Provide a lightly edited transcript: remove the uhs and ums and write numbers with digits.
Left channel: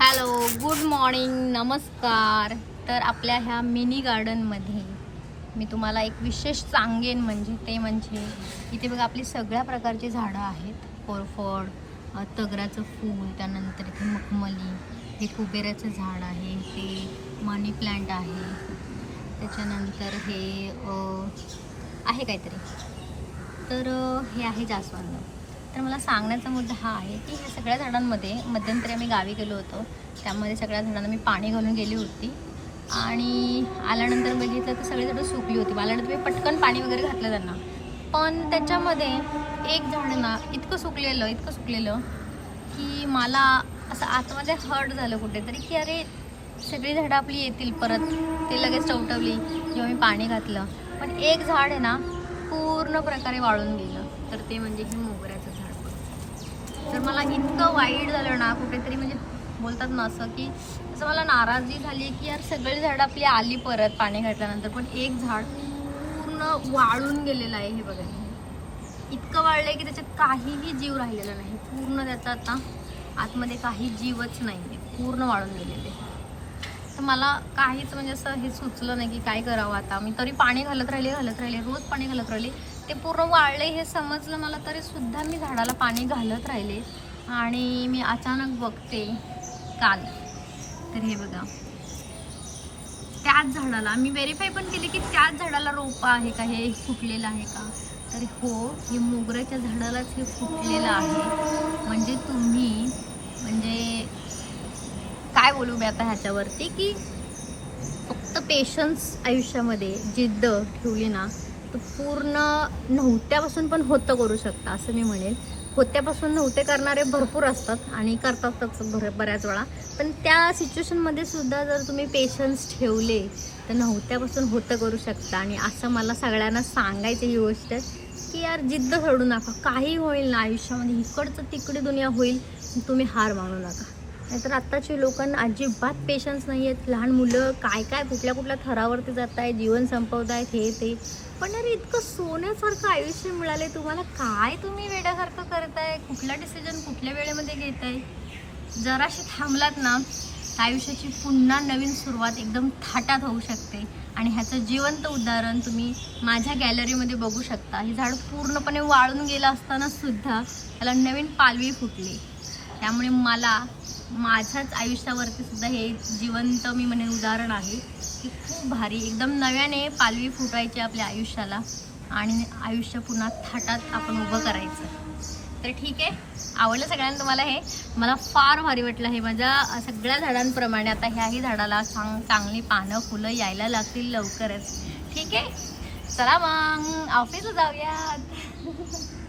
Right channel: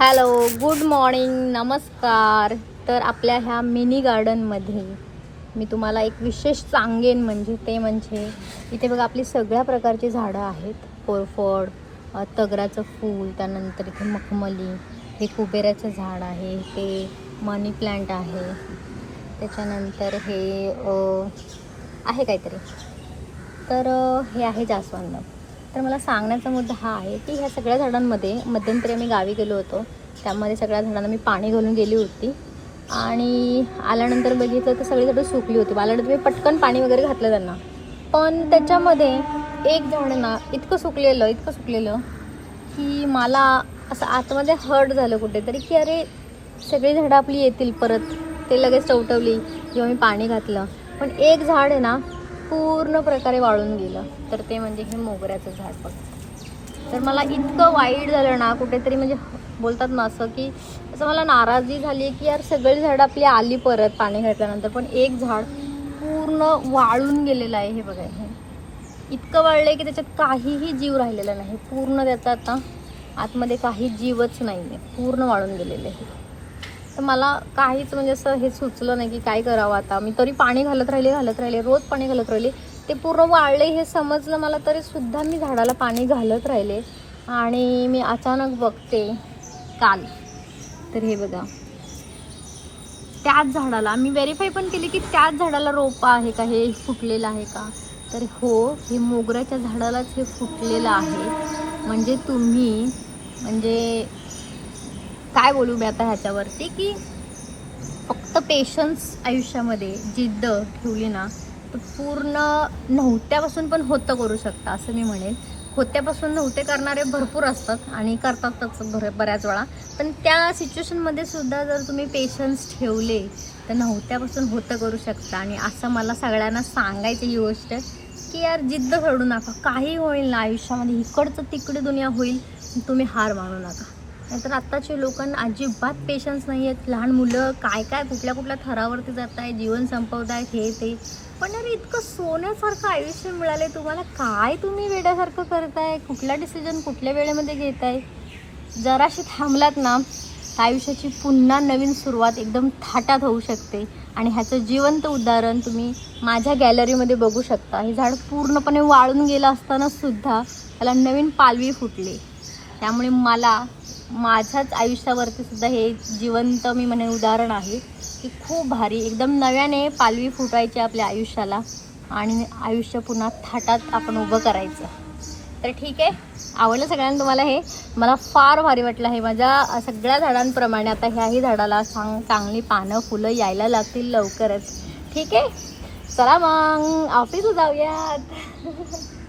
Hello, good morning, नमस्कार. तर आपल्या ह्या मिनी गार्डनमध्ये मी तुम्हाला एक विशेष सांगेन म्हणजे इथे बघा आपली सगळ्या प्रकारची झाडं आहेत. कोरफड, तगराचं फूल, त्यानंतर इथे मखमली, हे कुबेराचं झाड आहे, हे मनी प्लांट आहे, त्याच्यानंतर हे आहे काहीतरी, तर हे आहे जास्वंद. तर मला सांगण्याचा मुद्दा हा आहे की ह्या सगळ्या झाडांमध्ये मध्यंतरी मी गावी गेलो होतो, त्यामध्ये सगळ्या झाडांना मी पाणी घालून गेली होती आणि आल्यानंतर बघितलं तर सगळी झाडं सुकली होती. आल्यानंतर मी पटकन पाणी वगैरे घातलं त्यांना, पण त्याच्यामध्ये एक झाड ना इतकं सुकलेलं की मला असं आतमध्ये हर्ट झालं कुठेतरी की अरे सगळी झाडं आपली येतील परत. ते लगेच टवटवली जेव्हा मी पाणी घातलं, पण एक झाड आहे ना पूर्ण प्रकारे वाळून गेलं. तर ते म्हणजे हे मोगऱ्याचं झाड बघ. तर मला इतकं वाईट झालं ना कुठेतरी, म्हणजे बोलतात ना असं की असं मला नाराजी झाली की यार सगळी झाडं आपली आली परत पाणी घातल्यानंतर, पण एक झाड पूर्ण वाळून गेलेलं आहे. हे बघा, हे इतकं वाळलं आहे की त्याच्यात काहीही जीव राहिलेला नाही. पूर्ण त्याचा आता आतमध्ये काही जीवच नाही आहे, पूर्ण वाळून गेलेले आहे. तर मला काहीच म्हणजे असं हे सुचलं नाही की काय करावं आता. मी तरी पाणी घालत राहिले, रोज पाणी घालत राहिले. ते पूर्ण वाळले हे समजलं मला, तरी सुद्धा मी झाडाला पाणी घालत राहिले. आणि मी अचानक बघते काल, तर हे बघा त्याच झाडाला मी व्हेरीफाय पण केली की त्याच झाडाला रोपं आहे का, हे फुटलेलं आहे का. तर हो, हे मोगऱ्याच्या झाडालाच हे फुटलेलं आहे. म्हणजे तुम्ही म्हणजे काय बोलू मी आता ह्याच्यावरती की फक्त पेशन्स आयुष्यामध्ये जिद्द ठेवली ना तर पूर्ण नव्हत्यापासून पण होतं करू शकता, असं मी म्हणेन. होत्यापासून नव्हते करणारे भरपूर असतात आणि करतातच बऱ्याच वेळा, पण त्या सिच्युएशनमध्ये सुद्धा जर तुम्ही पेशन्स ठेवले तर नव्हत्यापासून होतं करू शकता. आणि असं मला सगळ्यांना सांगायची ही गोष्ट की यार जिद्द सोडू नका. काही होईल ना आयुष्यामध्ये, इकडचं तिकडे दुनिया होईल, तुम्ही हार मानू नका. नाहीतर आत्ताचे लोकांना अजिबात पेशन्स नाही आहेत. लहान मुलं काय कुठल्या थरावरती जात आहे, जीवन संपवत आहेत, हे ते. पण अरे इतकं सोन्यासारखं आयुष्य मिळालं तुम्हाला, काय तुम्ही वेड्यासारखं करताय, कुठला डिसिजन कुठल्या वेळेमध्ये घेताय. जराशी थांबलात ना आयुष्याची पुन्हा नवीन सुरुवात एकदम थाटात होऊ शकते. आणि ह्याचं जिवंत उदाहरण तुम्ही माझ्या गॅलरीमध्ये बघू शकता. हे झाड पूर्णपणे वाळून गेलं असताना सुद्धा त्याला नवीन पालवी फुटली. त्यामुळे मला माझ्याच आयुष्यावरती सुद्धा हे जिवंत मी म्हणे उदाहरण आहे की खूप भारी एकदम नव्याने पालवी फुटायची आपल्या आयुष्याला आणि आयुष्य पुन्हा थाटात आपण उभं करायचं. तर ठीक आहे, आवडलं सगळ्यांना तुम्हाला हे. मला फार भारी वाटलं आहे. माझ्या सगळ्या झाडांप्रमाणे आता ह्याही झाडाला चांगली पानं फुलं यायला लागतील लवकरच. ठीक आहे, चला मग ऑफिस जाऊयात.